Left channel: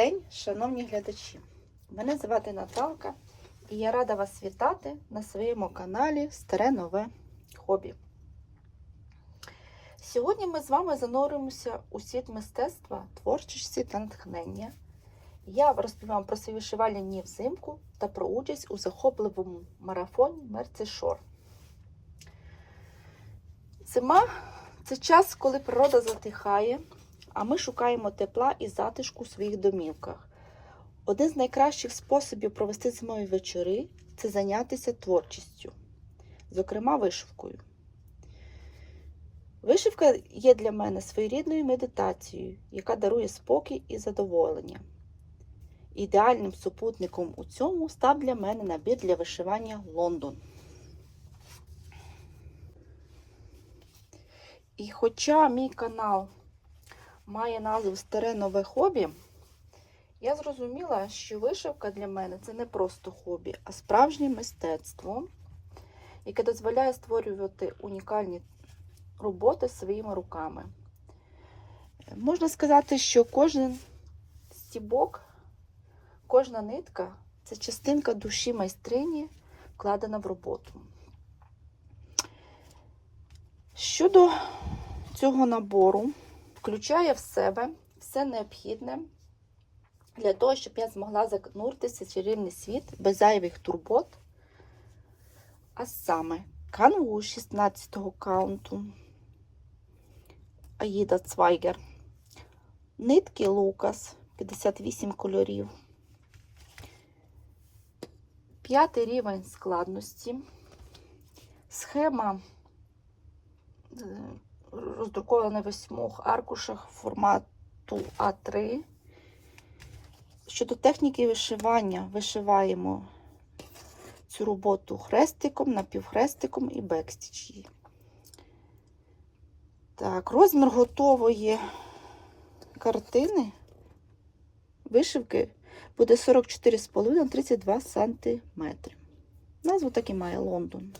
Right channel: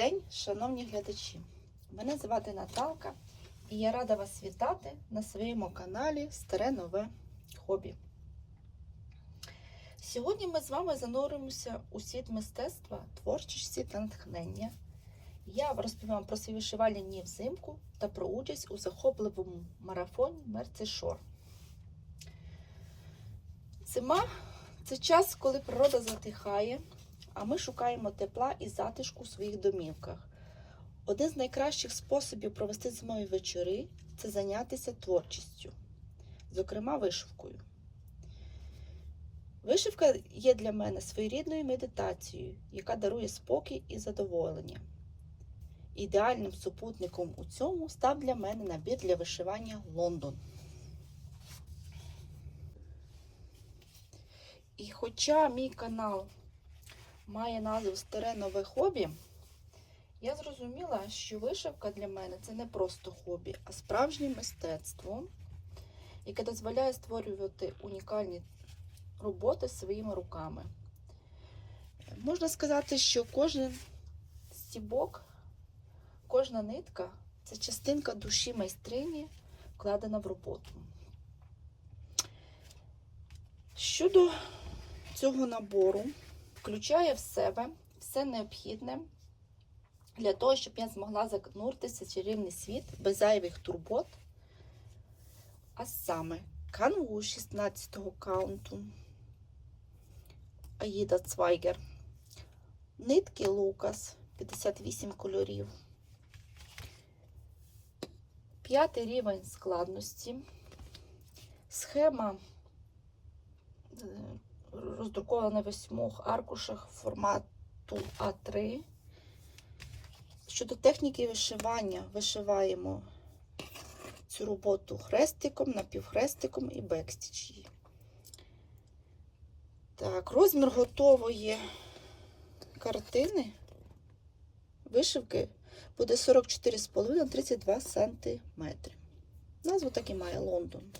День, шановні глядачі! Мене звати Наталка і я рада вас вітати на своєму каналі Старе Нове Хобі. Сьогодні ми з вами зануримося у світ мистецтва, творчості та натхнення. Я розповім про свої вишивальні дні взимку та про участь у захопливому марафоні Мерці Шор. Зима це час, коли природа затихає, а ми шукаємо тепла і затишку у своїх домівках. Один з найкращих способів провести зимові вечори це зайнятися творчістю, зокрема вишивкою. Вишивка є для мене своєрідною медитацією, яка дарує спокій і задоволення. Ідеальним супутником у цьому став для мене набір для вишивання Лондон. І хоча мій канал має назву Старе нове хобі, я зрозуміла, що вишивка для мене це не просто хобі, а справжнє мистецтво, яке дозволяє створювати унікальні роботи своїми руками. Можна сказати, що кожен стібок, кожна нитка це частинка душі майстрині, вкладена в роботу. Щодо цього набору, включає в себе все необхідне для того, щоб я змогла зануритися в чарівний світ без зайвих турбот. А саме канву 16 го каунту, Аїда Цвайгер, нитки Лукас 58 кольорів, п'ятий рівень складності, схема роздрукована на восьмох аркушах формату А3. Щодо техніки вишивання, вишиваємо цю роботу хрестиком, напівхрестиком і бекстічі. Так, розмір готової картини вишивки буде 44,5 на 32 см. Назву так і має Лондон.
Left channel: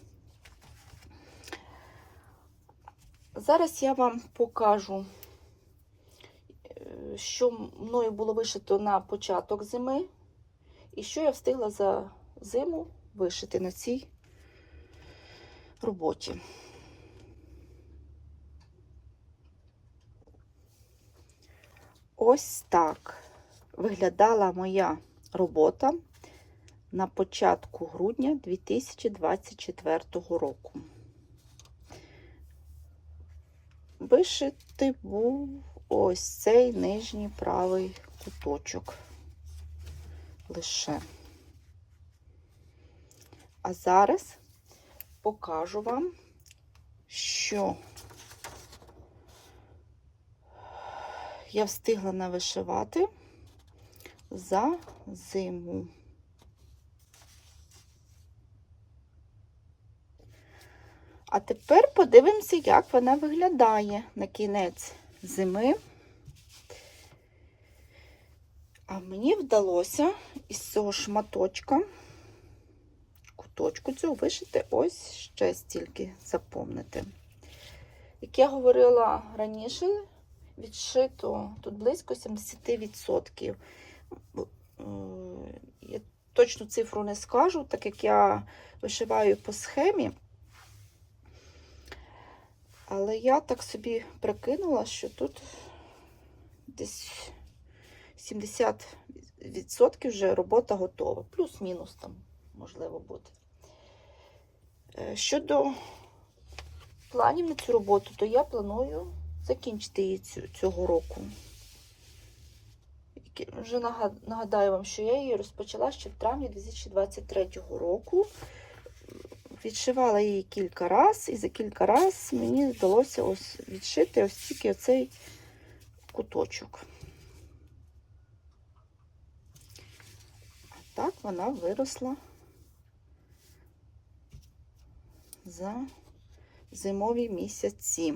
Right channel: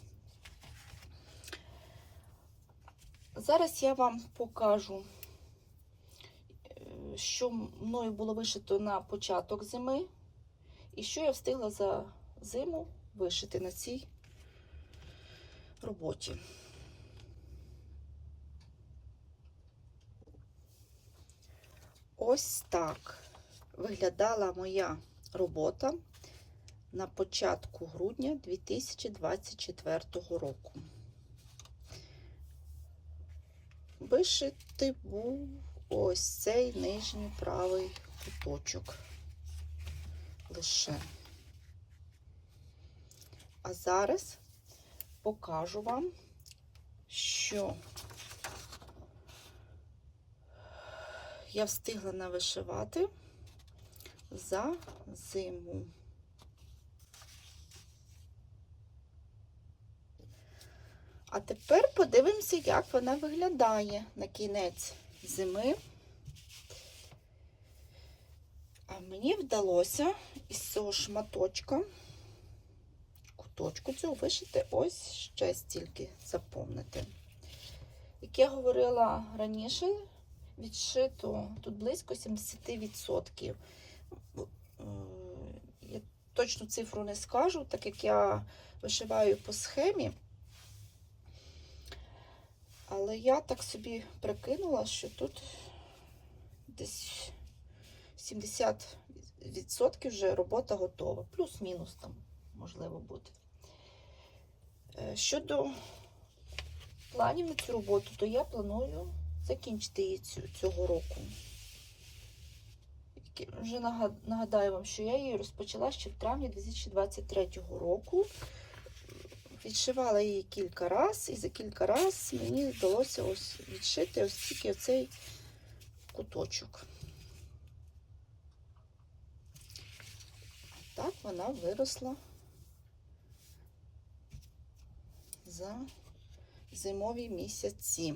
Зараз я вам покажу, що мною було вишито на початок зими, і що я встигла за зиму вишити на цій роботі. Ось так виглядала моя робота на початку грудня 2024 року. Вишитий був ось цей нижній правий куточок лише. А зараз покажу вам, що я встигла навишивати за зиму. А тепер подивимося, як вона виглядає на кінець зими. А мені вдалося із цього шматочка, куточку цього вишити ось ще стільки заповнити. Як я говорила раніше, відшито тут близько 70%. Я точну цифру не скажу, так як я вишиваю по схемі. Але я так собі прикинула, що тут десь 70% вже робота готова. Плюс-мінус там, можливо, буде. Щодо планів на цю роботу, то я планую закінчити її цього року. Вже нагадаю вам, що я її розпочала ще в травні 2023 року. Відшивала її кілька раз, і за кілька разів мені вдалося ось відшити ось тільки оцей куточок. А так вона виросла за зимові місяці.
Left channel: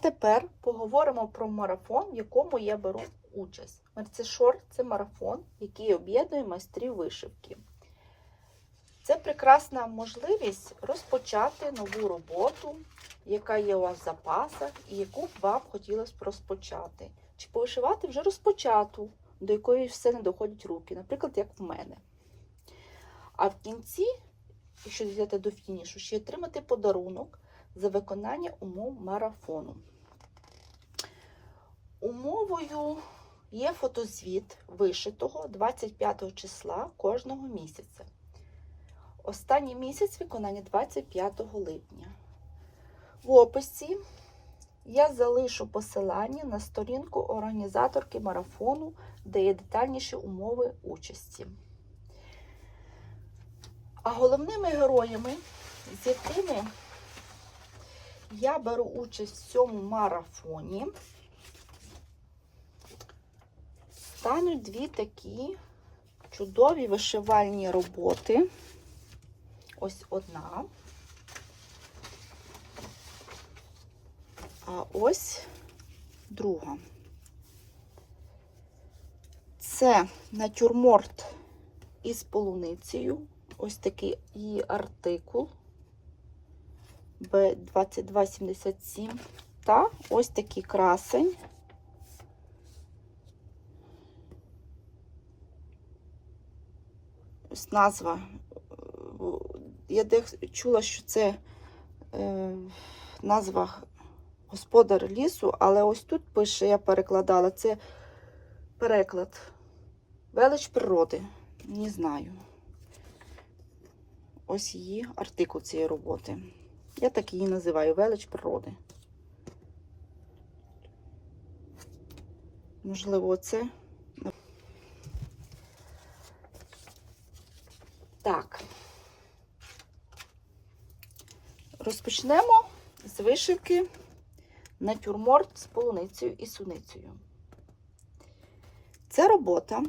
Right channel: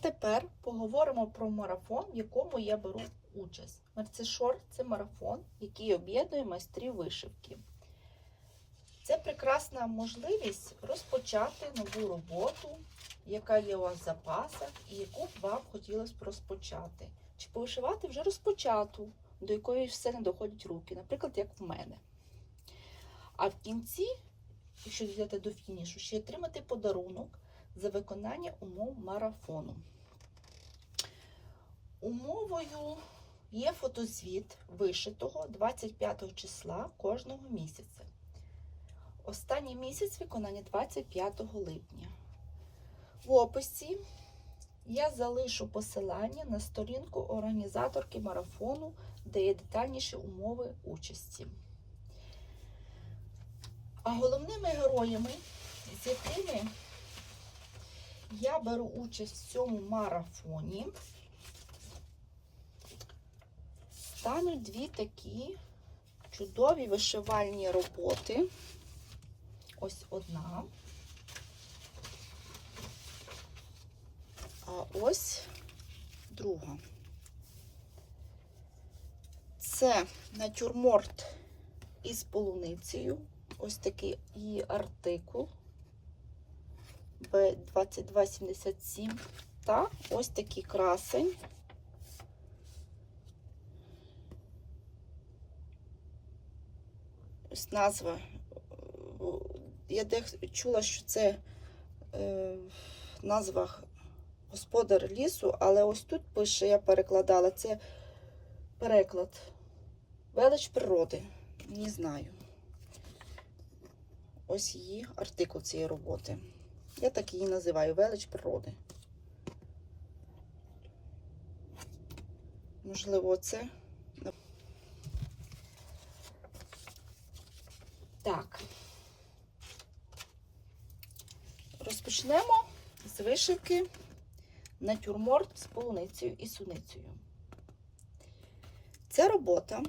Тепер поговоримо про марафон, в якому я беру участь. Мерцешор це марафон, який об'єднує майстрів вишивки. Це прекрасна можливість розпочати нову роботу, яка є у вас в запасах і яку б вам хотілося б розпочати. Чи повишивати вже розпочату, до якої все не доходять руки, наприклад, як в мене. А в кінці, якщо взяти до фінішу, ще отримати подарунок за виконання умов марафону. Умовою є фотозвіт вишитого 25 числа кожного місяця. Останній місяць виконання 25 липня. В описі я залишу посилання на сторінку організаторки марафону, де є детальніші умови участі. А головними героями, з якими я беру участь в цьому марафоні, стануть дві такі чудові вишивальні роботи. Ось одна. А ось друга. Це натюрморт із полуницею. Ось такий її артикул Б2277. Та ось такий красень. Ось назва. Я чула, що це е, назва господар лісу, але ось тут пише, я перекладала, це переклад. Велич природи. Не знаю. Ось її артикул цієї роботи. Я так її називаю велич природи. Можливо, це. Так. Розпочнемо з вишивки натюрморт з полуницею і суницею. Ця робота,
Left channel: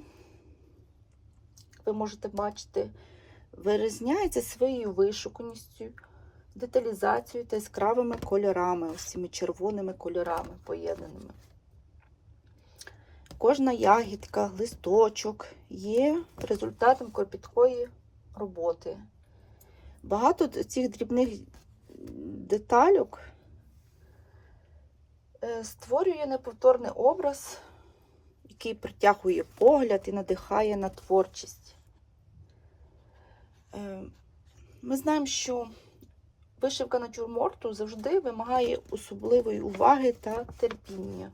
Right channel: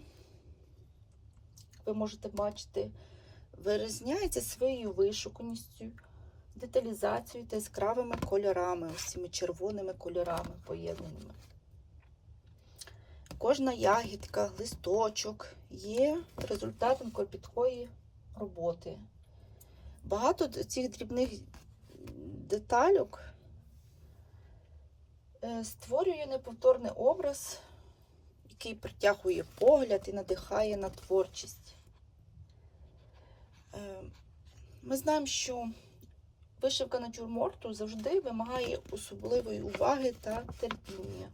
ви можете бачити, вирізняється своєю вишуканістю, деталізацією та яскравими кольорами, ось цими червоними кольорами поєднаними. Кожна ягідка, листочок є результатом кропіткої роботи. Багато цих дрібних детальок е, створює неповторний образ, який притягує погляд і надихає на творчість. Е, Ми знаємо, що вишивка натюрморту завжди вимагає особливої уваги та терпіння.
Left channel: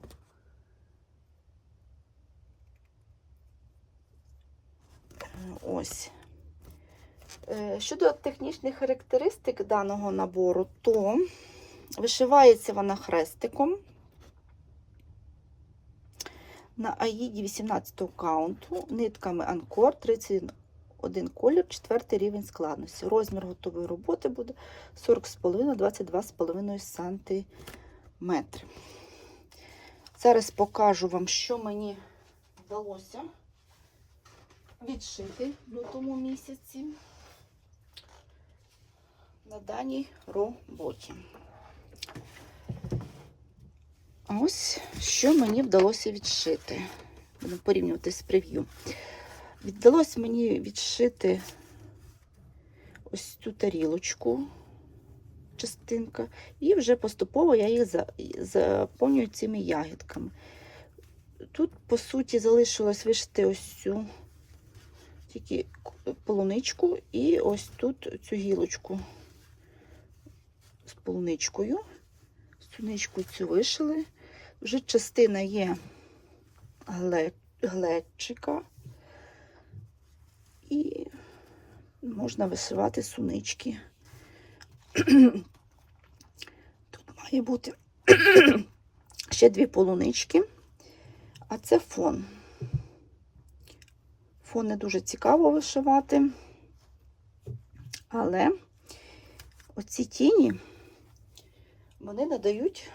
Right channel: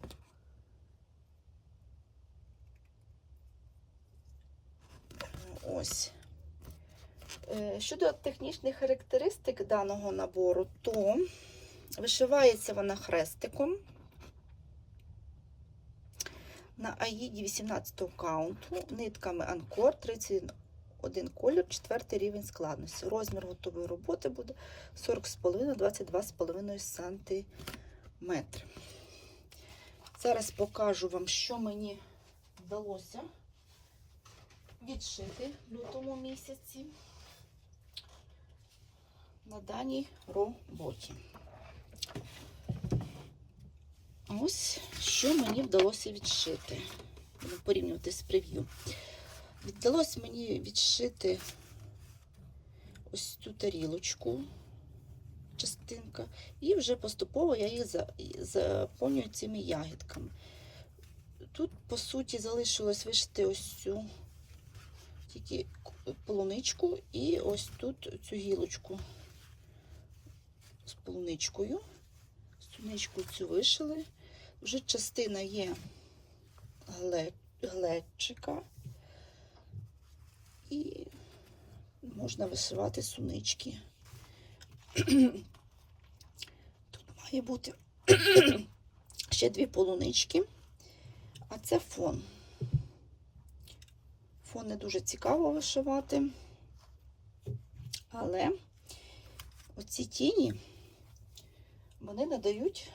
Ось. Е, Щодо технічних характеристик даного набору, то вишивається вона хрестиком на аїді 18 каунту, нитками Анкор 31 колір, 4 рівень складності. Розмір готової роботи буде 40,5-22,5 см. Зараз покажу вам, що мені вдалося відшити в лютому місяці на даній роботі. Ось що мені вдалося відшити. Будемо порівнювати з прев'ю. Вдалося мені відшити ось цю тарілочку, частинка, і вже поступово я їх заповнюю цими ягідками. Тут, по суті, залишилось вишити ось цю тільки полуничку і ось тут цю гілочку з полуничкою. Суничку цю вишили. Вже частина є гле- глечика. І можна вишивати сунички. Тут має бути ще дві полунички, а це фон. Фон не дуже цікаво вишивати, але оці тіні вони надають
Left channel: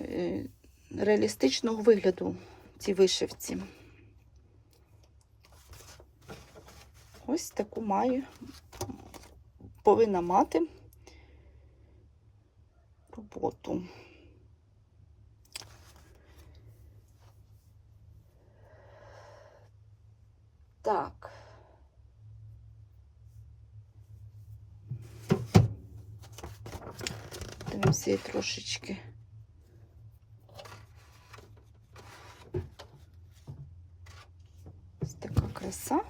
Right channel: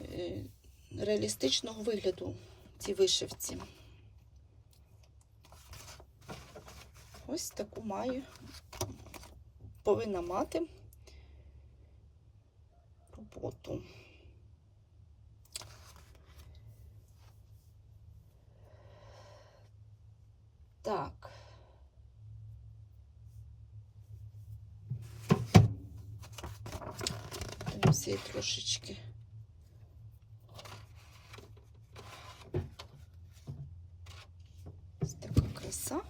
е, реалістичного вигляду цій вишивці. Ось таку має, повинна мати роботу. Так. Дивимося її трошечки. Ось така краса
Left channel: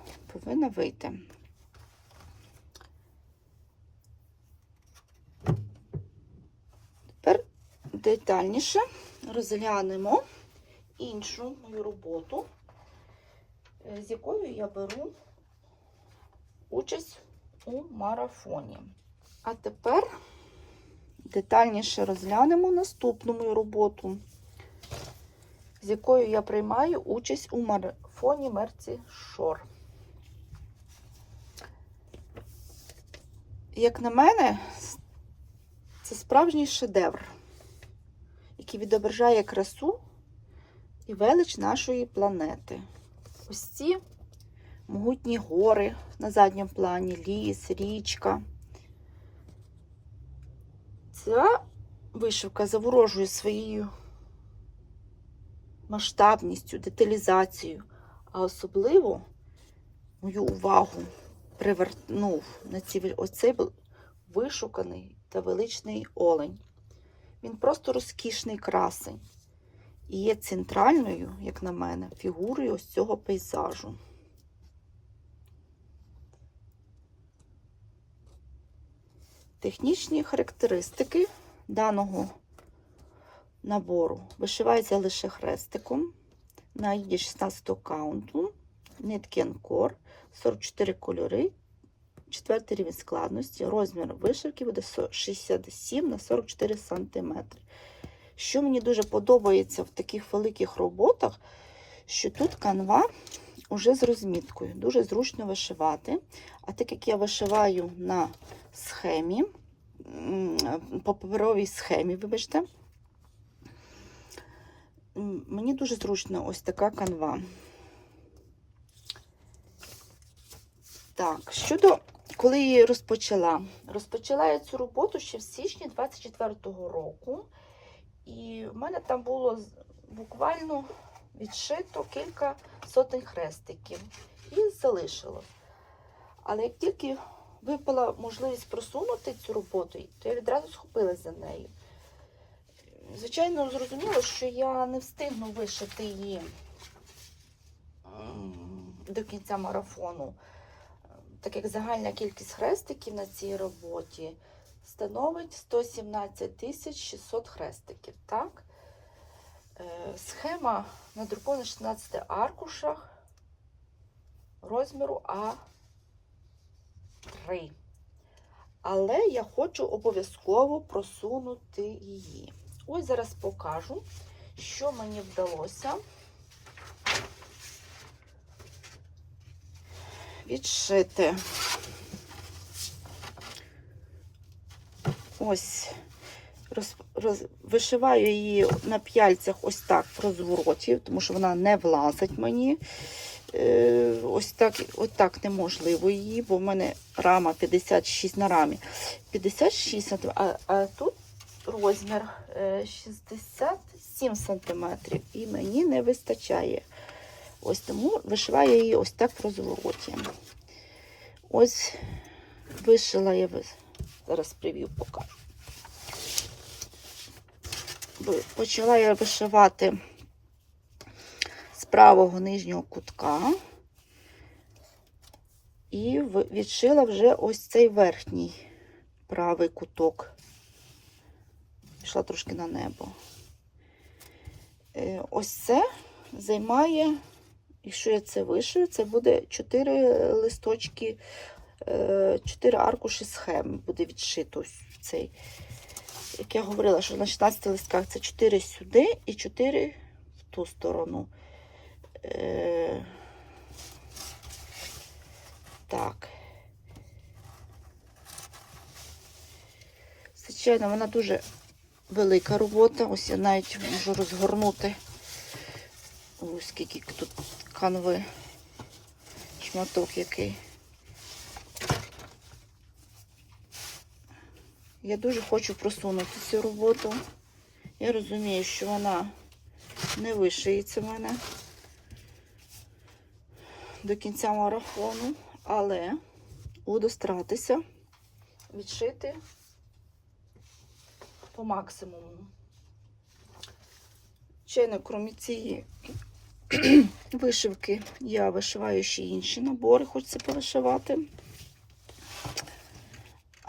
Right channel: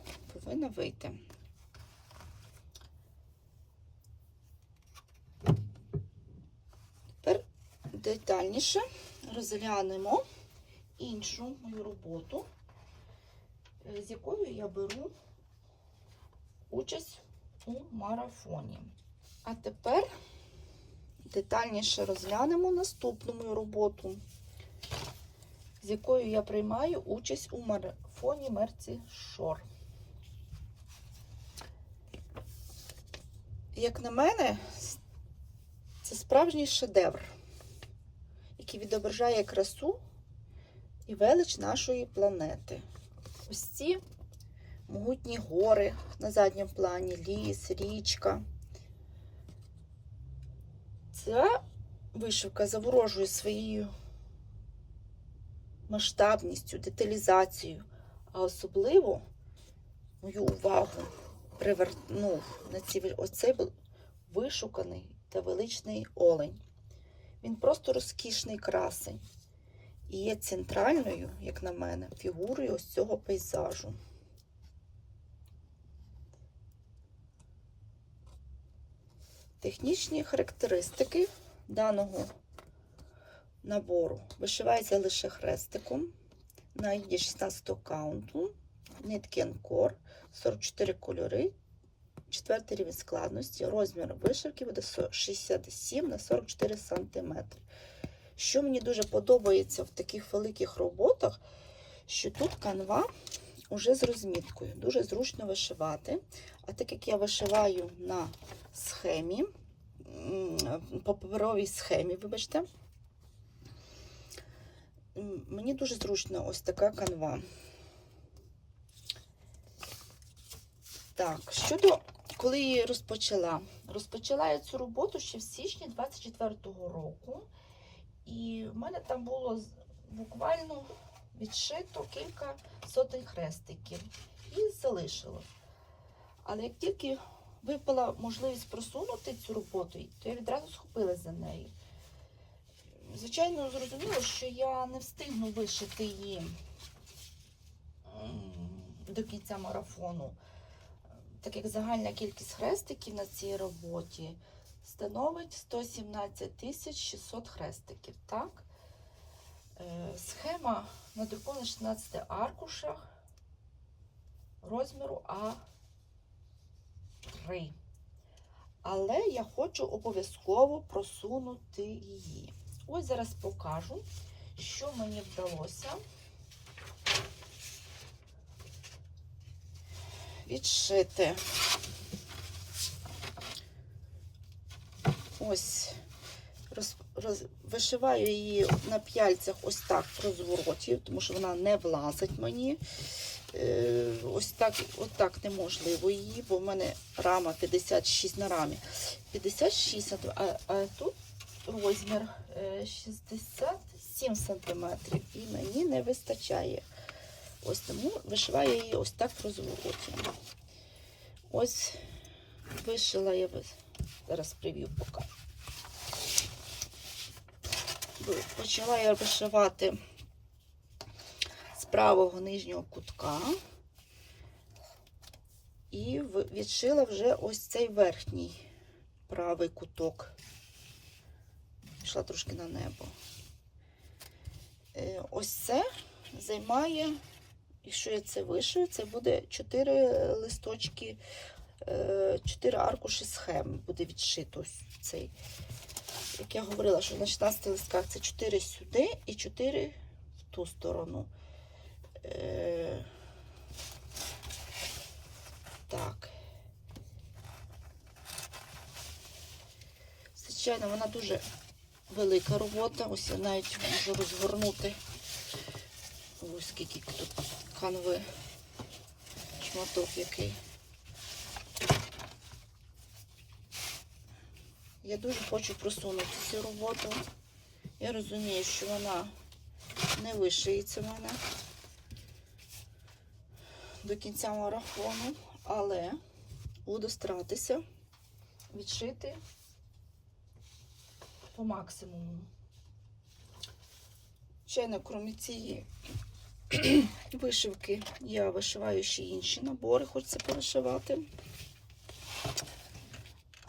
вийти. Тепер детальніше розглянемо іншу мою роботу, е, з якою я беру участь у марафоні. А тепер детальніше розглянемо наступну мою роботу, з якою я приймаю участь у марафоні Мерці Шор. Як на мене, це справжній шедевр, який відображає красу і велич нашої планети. Ось ці могутні гори на задньому плані, ліс, річка. Ця вишивка заворожує своєю масштабністю, деталізацією, а особливо мою увагу привернув на ці, оцей вишуканий та величний олень. Він просто розкішний красень і є центральною, як на мене, фігурою ось цього пейзажу. Технічні характеристики даного набору вишивається лише хрестиком на їді 16 каунту, нитки Анкор, 44 кольори, 4 рівень складності, розмір вишивки буде 67 на 44 см. Що мені дуже подобається в таких великих роботах, що тут канва вже з розміткою. Дуже зручно вишивати. А так як я вишиваю на схемі, по паперовій схемі, вибачте, мені дуже зручно ось така канва. Так, щодо коли я розпочала, розпочала я цю роботу ще в січні 24-го року, і в мене там було буквально відшито кілька сотень хрестиків і залишилось. Але як тільки випала можливість просунути цю роботу, то я відразу схопилася за нею. Звичайно, зрозуміло, що я не встигну вишити її до кінця марафону, так як загальна кількість хрестиків на цій роботі становить 117 600 хрестиків. Так? Схема надрукована на 16 аркушах розміру А3. Але я хочу обов'язково просунути її. Ось зараз покажу, що мені вдалося відшити. Ось роз, роз, вишиваю її на п'яльцях ось так в розвороті, тому що вона не влазить мені. Е, ось так ось так неможливо її, бо в мене рама 56 на рамі. 56 см, а, а тут розмір 67 см, і мені не вистачає. Ось тому вишиваю її ось так в розвороті. Ось вишила я зараз прев'ю покажу. Почала я вишивати з правого нижнього кутка і відшила вже ось цей верхній правий куток. Пішла трошки на небо. Е, ось це займає, якщо я це вишию, це буде 4 листочки, 4 аркуші схеми буде відшито цей. Як я говорила, що на 16 листках це 4 сюди і 4 в ту сторону. Е... Так. Звичайно, вона дуже велика робота. Ось я навіть можу розгорнути. Ось скільки тут канви, шматок який. Я дуже хочу просунути цю роботу. Я розумію, що вона не вишиється в мене до кінця марафону, але буду старатися відшити по максимуму. Звичайно, крім цієї вишивки, я вишиваю ще інші набори, хочеться повишивати.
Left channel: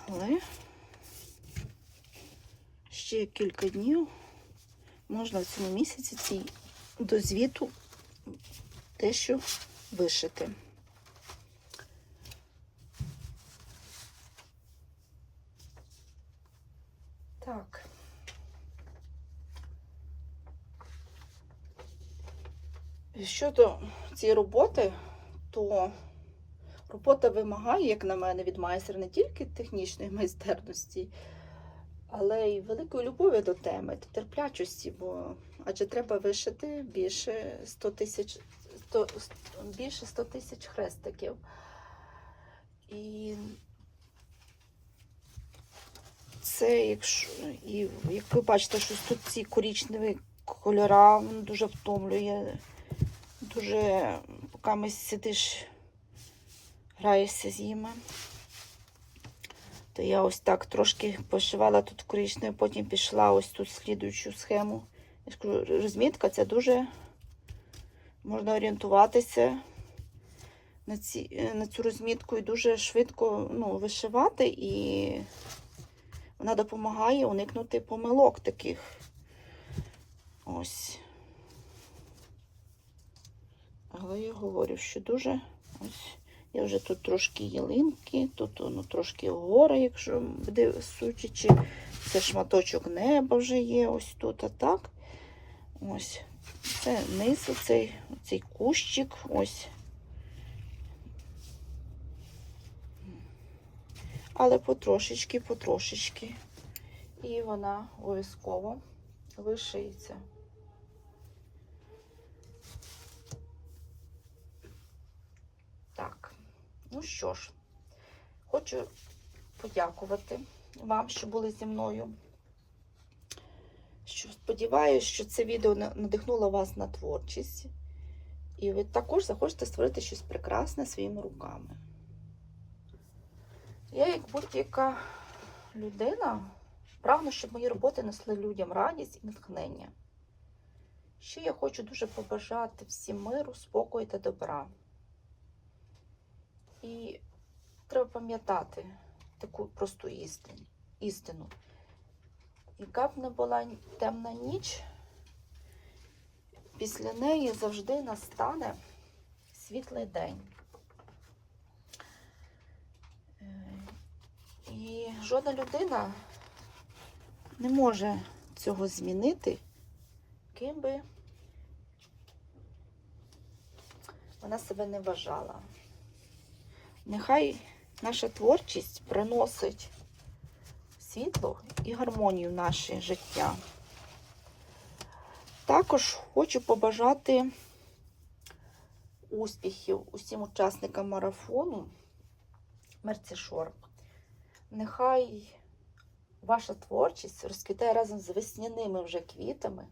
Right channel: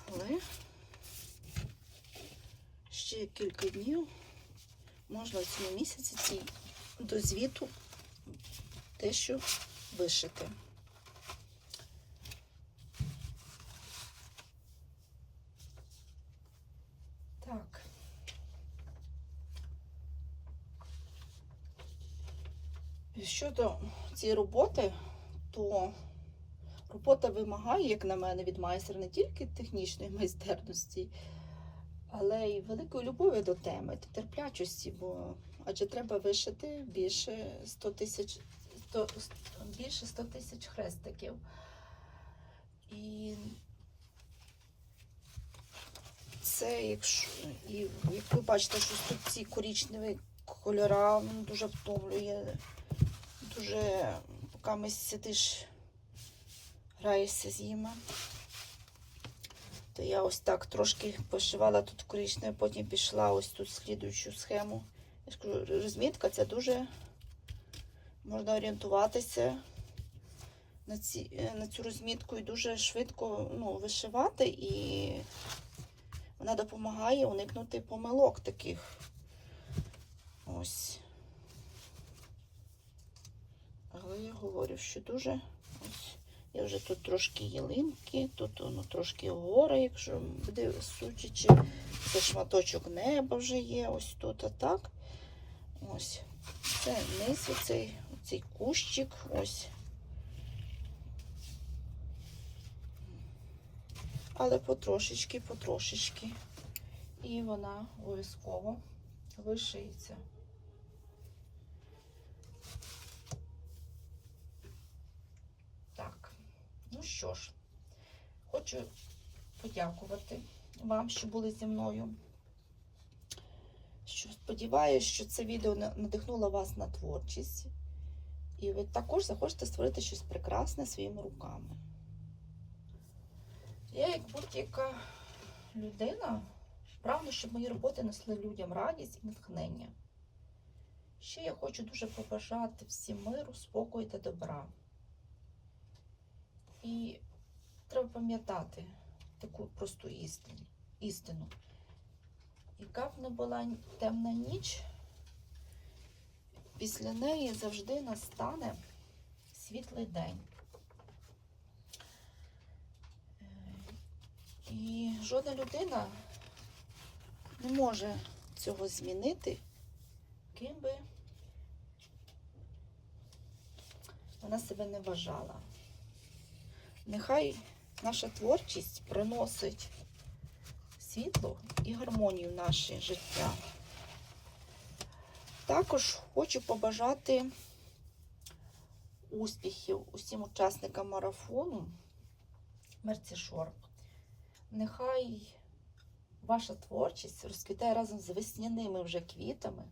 Але ще кілька днів можна в цьому місяці цій до звіту дещо вишити. Так. Щодо цієї роботи, то робота вимагає, як на мене, від майстра не тільки технічної майстерності, але й великої любові до теми, та терплячості, бо адже треба вишити більше 100 тисяч 100, більше 100 тисяч хрестиків. І це, якщо і як ви бачите, що тут ці корічневі кольора ну, дуже втомлює. Дуже поки ми сидиш, граєшся з ними. То я ось так трошки пошивала тут коричневе, потім пішла ось тут слідуючу схему. Я ж кажу, розмітка це дуже можна орієнтуватися на, ці, на цю розмітку і дуже швидко ну, вишивати, і вона допомагає уникнути помилок таких. Ось. Але я говорю, що дуже ось. Я вже тут трошки ялинки, тут ну, трошки гори, якщо буде судячи. Це шматочок неба вже є ось тут, а так. Ось. Це низ оцей, оцей кущик, ось. Але потрошечки, потрошечки. І вона обов'язково вишиється. Так, ну що ж, хочу подякувати вам, що були зі мною. Що Сподіваюся, що це відео надихнуло вас на творчість. І ви також захочете створити щось прекрасне своїми руками. Я, як будь-яка людина, прагну, щоб мої роботи несли людям радість і натхнення. Ще я хочу дуже побажати всім миру, спокою та добра. І треба пам'ятати таку просту істину. Яка б не була темна ніч, після неї завжди настане світлий день. І жодна людина не може цього змінити, ким би вона себе не вважала. Нехай наша творчість приносить світло і гармонію в наше життя. Також хочу побажати успіхів усім учасникам марафону Мерцішор. Нехай ваша творчість розквітає разом з весняними вже квітами,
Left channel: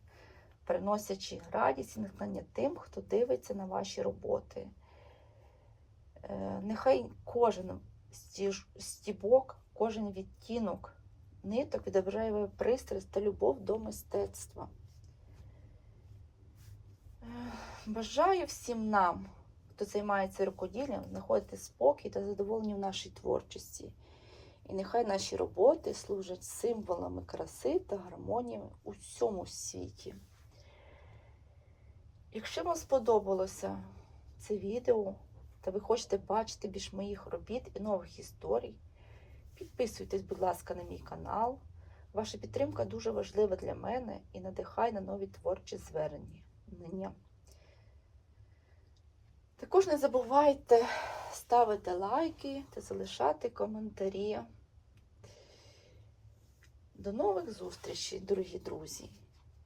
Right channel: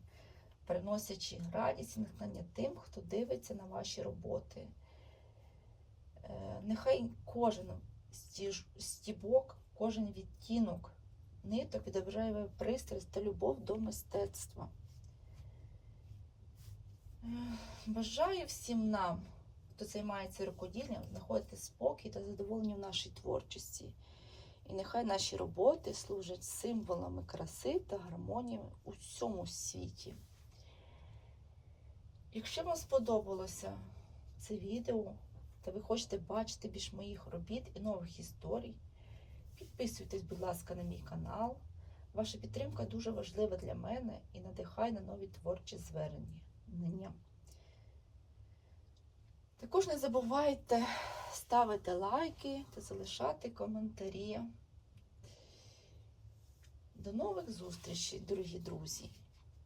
приносячи радість і натхнення тим, хто дивиться на ваші роботи. Е, нехай кожен стібок, кожен відтінок ниток відображає пристрасть та любов до мистецтва. Е, бажаю всім нам, хто займається рукоділлям, знаходити спокій та задоволення в нашій творчості. І нехай наші роботи служать символами краси та гармонії у всьому світі. Якщо вам сподобалося це відео, та ви хочете бачити більш моїх робіт і нових історій, підписуйтесь, будь ласка, на мій канал. Ваша підтримка дуже важлива для мене і надихає на нові творчі звернення. Також не забувайте ставити лайки та залишати коментарі. До нових зустрічей, дорогі друзі!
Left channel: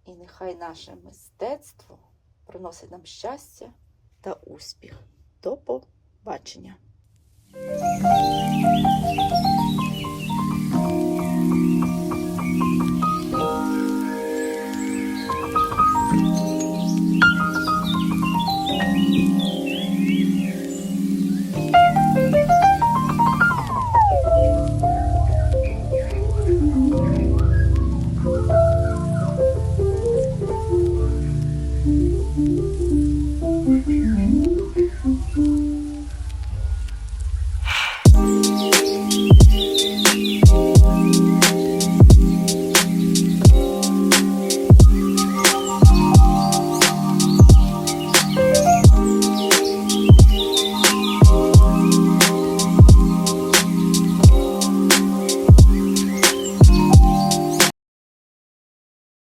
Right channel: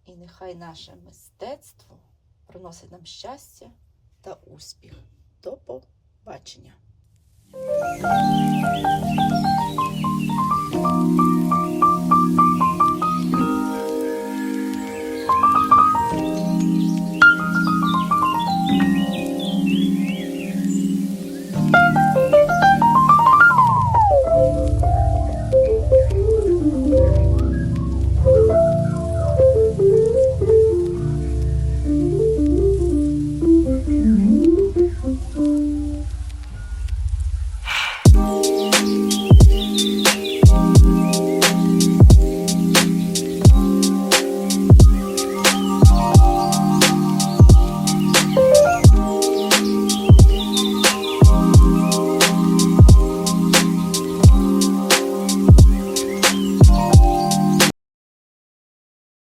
І нехай наше мистецтво приносить нам щастя та успіх. До побачення!